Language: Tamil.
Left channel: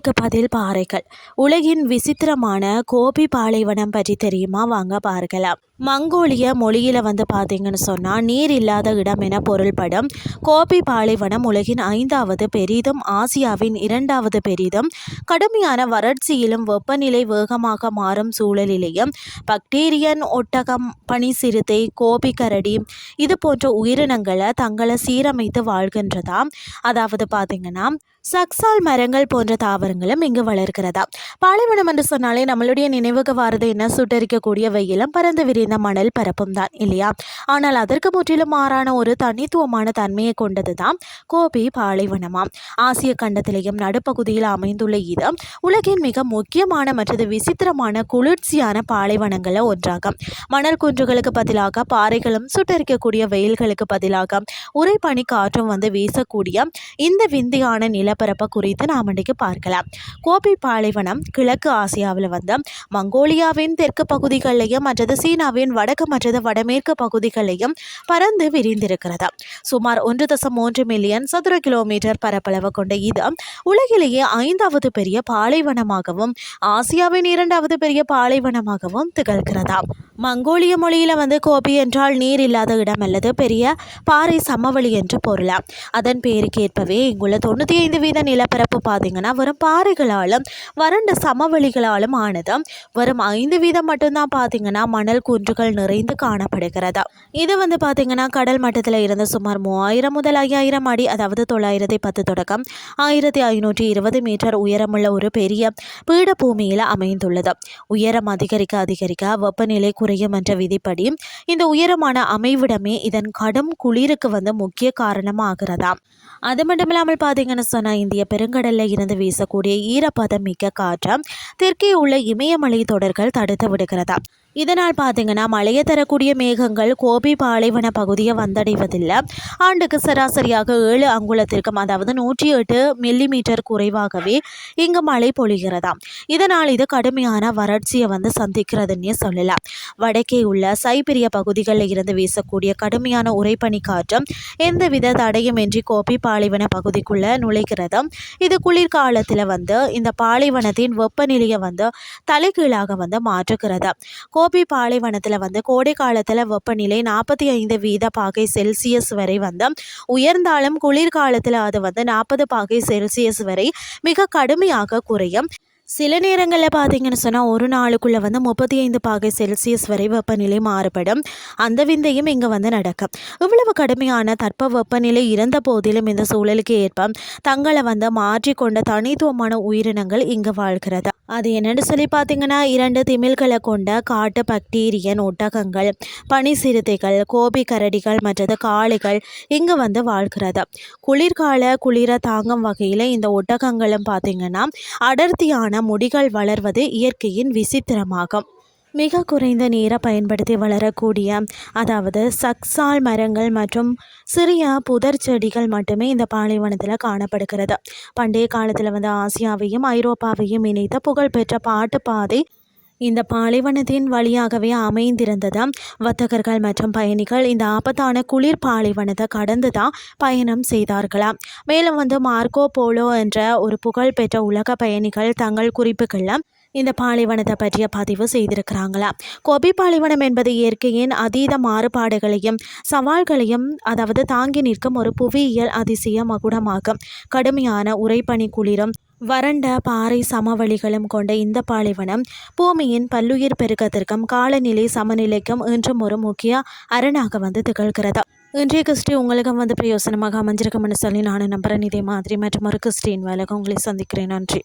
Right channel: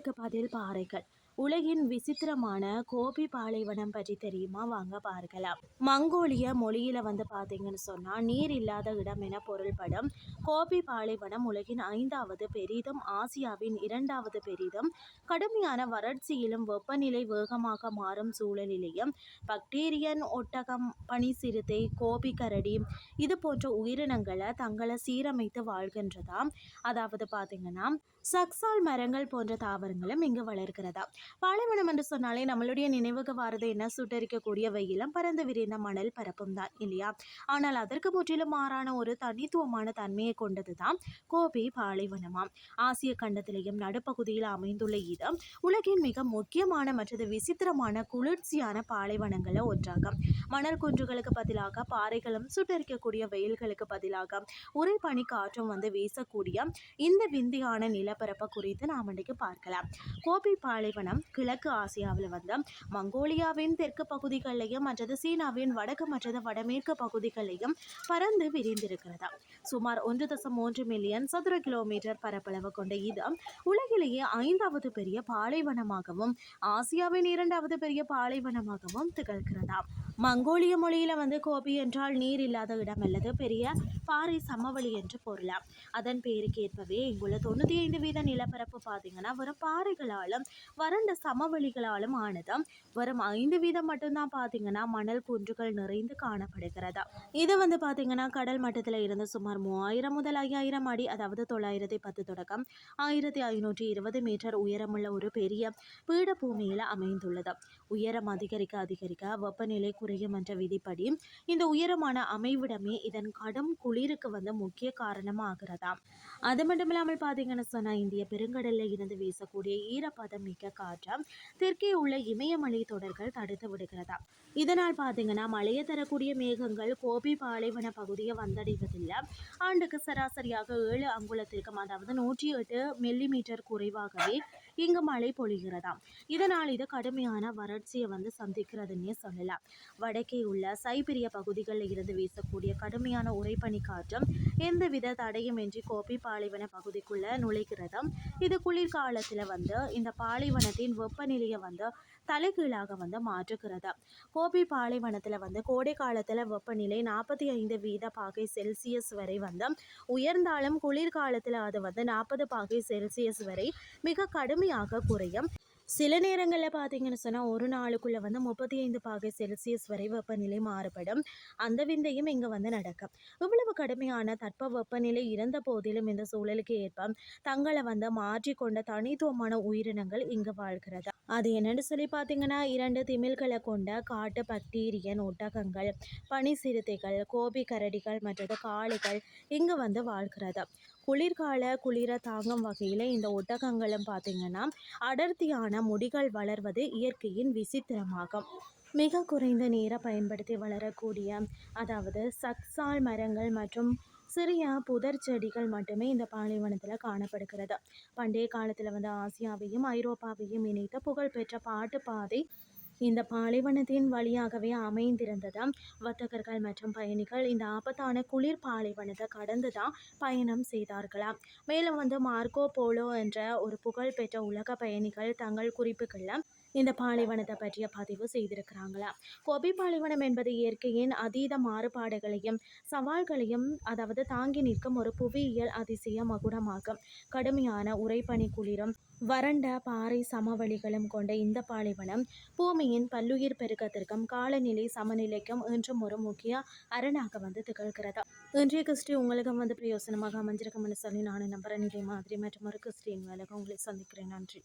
கேள்விகளுக்கு பதில் பாறைகள். உலகின் விசித்திரமான கோபி பாலைவனம் பற்றி தெரியுமா? வாங்க பார்க்கலாம். மங்கோலிய மொழியில பார்த்தீங்கன்னு சொன்னா நீர் இல்லாத இடம் என பொருள்படும். கோபி பாலைவனம் உலகின் 5வது பெரிதும், ஆசியாவின் 2வது பெரிதும். கடுமையான வறட்சியிலும் வெப்பநிலை வேகமாக மாறும் சூழலிலேயும் பக்டீரியன், ஒட்டகம், பனி சிறுத்தை, கோபி கரடி இது போன்ற உயிரினங்களை தங்களை சீரமைத்து வாழ்கின்றதாம். அதாவது பார்த்தீங்கன்னா சக்சால் மரங்கள் போன்ற தாவரங்களும் இங்கு வளர்க்கிறதா. பாலைவனம் என்று சொன்னாலே நம்மளுடைய நினைவுக்கு வாரது என்ன? சுட்டரிக்கக்கூடிய வெயிலும் பறந்து விரிந்த மணல் பரப்பும் தான் இல்லையா? ஆனால் அதற்கு முற்றிலும் மாறான ஒரு தனித்துவமான தன்மையை கொண்டது தான் கோபி பாலைவனமாம். ஆசிய கண்டத்திலேயும் நடுப்பகுதியில் அமைந்துள்ள இது உலகின் மிக முக்கியமான மற்றது விசித்திரமான குளிர்ச்சியான பாலைவனங்களில் ஒன்றாகும். மணல் குன்றுகளுக்கு பதிலாக பாறைகளும், சுட்டரிக்கக்கூடிய வெயில்களுக்கு பதிலாக உறைபனி காற்றும் வீசக்கூடிய இந்த விந்தியான நிலப்பரப்பு குறித்து நாம் இன்றைக்கு பார்க்கலாம். கோபி பாலைவனம் கிழக்கு ஆசியாவில் மங்கோலியாவின் தெற்கு பகுதிகளையும் மற்றது சீனாவின் வடக்கு மற்றது வடமேற்கு பகுதிகளையும் பறந்து விரிந்திருக்கிறது. சுமார் 1.3 மில்லியன் சதுர கிலோமீட்டர் பரப்பளவு கொண்ட இது உலகிலேயே 5வது பெரிய பாலைவனமாகவும் ஆசியாவின் 2வது பெரிய பாலைவனமாகவும் திகழ்கிறதா. மங்கோலிய மொழியில் கோபி என்றால் நீர் இல்லாத இடம் அல்லது பெரிய பாறை சமவெளி என்று பொருளாம். அதன் பேருக்கேற்பவே இங்குள்ள 95% நிலப்பரப்பு பார்த்தீங்கன்னா வெறும் பாறைகளாலும் வறண்ட சமவெளிகளாலும் ஆனது. வெறும் 5% மட்டும்தான் பார்த்தீங்கன்னா மணல் குன்றுகள் நிறைந்து காணப்படுகிறது. இது பார்த்தீங்கன்னா கடல் மட்டத்தில் இருந்து சுமார் 3000 முதல் 5000 அடி, அதாவது 910 தொடக்கம் 1520 மீட்டர் உயரமுள்ள ஒரு பெரிய பீடபூமியில் அமைந்துள்ளது. உயரம் அதிகரிக்க அதிகரிக்க வெப்பநிலை குறையும் என்ற விதிப்படி இந்த உயரமான அமைவிடமே இதன் கடும் குளிருக்கு முக்கிய காரணமாகிறதா. அது மட்டும் இல்லாமல் பார்த்தீங்கன்னு சொன்னால் இந்திய பெருங்கடலில் இருந்து வீசக்கூடிய ஈரப்பதம் மிக்க காற்று தெற்கே உள்ள இமயமலை தொடர்கள் தடுத்து விடுகிறதா. இதனால் பார்த்தீங்கன்னா மழையை தரக்கூடிய மேகங்கள் கோபி பாலைவன பகுதியை வந்தடைவதில்லை. ஆண்டுக்கு சராசரியாக 7 அங்குலத்திற்கும், அதாவது 108 மில்லிமீட்டர் குறைவாகவே இங்கு மழை பொழிகிறதா. இதனால் இது கடுமையான வறட்சியை சந்திக்கிறதுன்னே சொல்லலாம். வடக்கே உள்ள சைபீரிய பகுதிகளில் இருந்து வீசக்கூடிய கடுமையான உறைபனி காற்று எந்தவித தடையுமின்றி கோபி பாலைவன பகுதிக்குள்ள நுழைகிறது. இது குளிர்காலத்தில் இந்த பாலைவனத்தின் வெப்பநிலையை தலைகீழாக மாற்றுகிறது. கோபி பாலைவனத்தில் கோடை காலத்தில் வெப்பநிலை 45 பாகை செல்சியஸ் வரை உயர்ந்தாலும் குளிர்காலத்தில் அது 40 பாகை செல்சியஸ் வரை மிக கடுமையாக குறையும். சில நேரங்களில் பார்த்தீங்கன்னு சொன்னால் ஒரு நாளுக்குள்ளே 35 பாகை செல்சியஸ் வரை வெப்பநிலை மாறுபடும். அந்த விந்தையும் இங்கே நடக்கும். இவ்வளவு கடுமையான தட்ப வெப்பநிலை இருந்த போதிலும் இந்த சூழலுக்கு ஏற்ப தங்களை மாற்றிக்கொண்ட தனித்துவமான உயிரினங்கள் இங்கு வாழ்கிறது. அது என்னென்னு சொல்லி பார்த்தீங்கன்னா 2 திமில்களை கொண்ட காட்டு பக்டீரியன், ஒட்டகங்கள், பனி சிறுத்தைகள், கோபி கரடிகள் மற்றது காளைகள் இங்கு வாழ்கிறது. குளிர்கால குளிர தாங்கும் வகையில் இந்த ஒட்டகங்களும் பார்த்தீங்கன்னா அடர்த்தியான முடிகள் வளர்வது இயற்கையின் விசித்திரமாகும். மிக குறைந்த நீரை பயன்படுத்தி வளரக்கூடிய, அதாவது சக்சால் மரங்கள் மற்றும் சிறிய புதர் செடிகள் மட்டுமே இந்த பாலைவனத்தில் காணப்படுகிறது. பண்டைய காலத்தில் ஆசியாவையும் ஐரோப்பாவையும் இணைத்த புகழ்பெற்ற பாட்டு பாதை இந்த பாலைவனத்தின் வழியாகவே அமைந்திருந்தது. வர்த்தகர்கள் மற்றும் பயணிகள் இந்த ஆபத்தான குளிர் பாலைவனத்தை கடந்து தான் பயணம் செய்தார்களாம். மேலும் மார்க்கோ போலோ என்ற ஒரு புகழ்பெற்ற உலக பயணிகள் தங்கள் குறிப்புகளில் இந்த பாலைவனத்தை பற்றிய பதிவு செய்திருக்கிறாங்களா. கோபி பாலைவனம் என்பது இயற்கையின் அதீத மாறுபாடுகளையும் சவால்களையும் தாங்கி நிற்கும் ஒரு புவியியல் அதிசய மகுடமாகும். கடுமையான உறைபனி குளிரும் வறண்ட பாறை சமவெளிகளும் கொண்ட இந்த பாலைவனம் பூமியின் பல்லுயிர் பெருக்கத்திற்கும் காலநிலை சமநிலைக்கும் இன்றும் ஒரு முக்கிய அரணாக திகழ்கிறது. இன்றைய கிறிஸ்டி உங்களுக்கு பிரயோசனமாக அமைஞ்சிருக்கும்னு சொல்லி நான் நம்புறேன். இதே மாதிரி மற்றும் ஒரு கிறிஸ்டின் வேலைக்கு உங்களை சந்திக்கிறேன். நன்றி.